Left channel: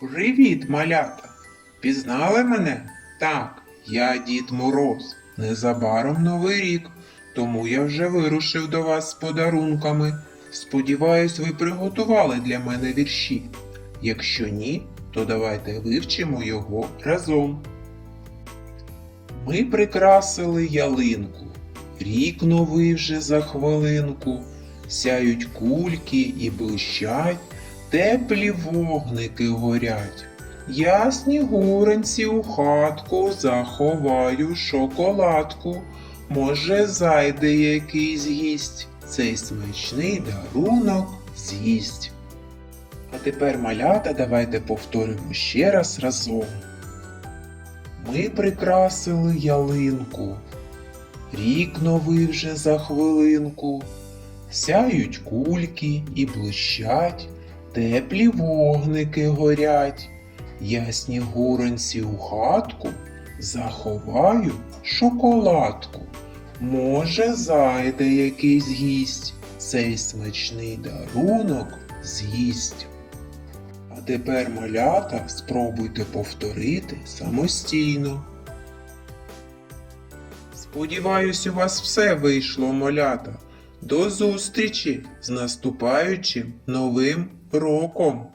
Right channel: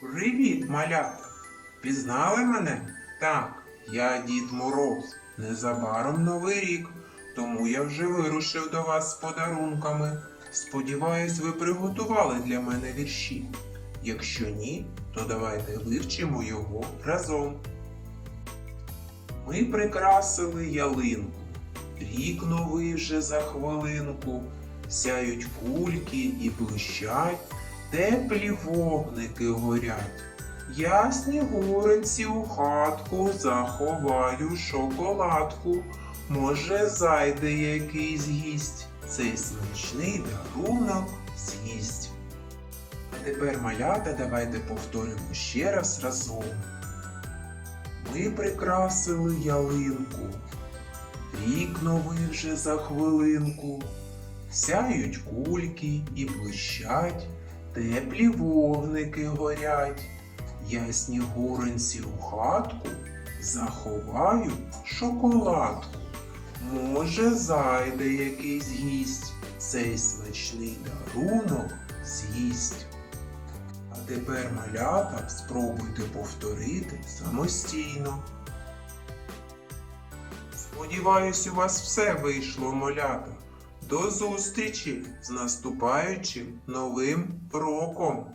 Привіт, малята! Пізнали мене? Так, я Дід Мороз. Незабаром новий рік, тому я вже вирушив до вас з подарунками. Сподіваюсь, ви приготували для мене вірші. Якщо ні, то давайте вивчимо його разом. Ми прикрасили ялинку, рік новий вже за хвилинку, сяють кульки і блищать, теплі вогники горять. Я снігуренці у хатку заховаю шоколадку. Може, зайде якийсь гість, цей смачний дарунок з'їсть. А тепер, малята, давайте повторимо ще раз разом. Ми прикрасили ялинку, рік новий вже за хвилинку, сяють кульки і блищать, теплі вогники горять. Я снігуренці у хатку заховаю шоколадку. Може, зайде якийсь гість, цей смачний дарунок з'їсть. А тепер, малята, спробуйте повторити самостійно. Сподіваюсь, у вас все вийшло, малята. До зустрічі з наступаючим новим роком!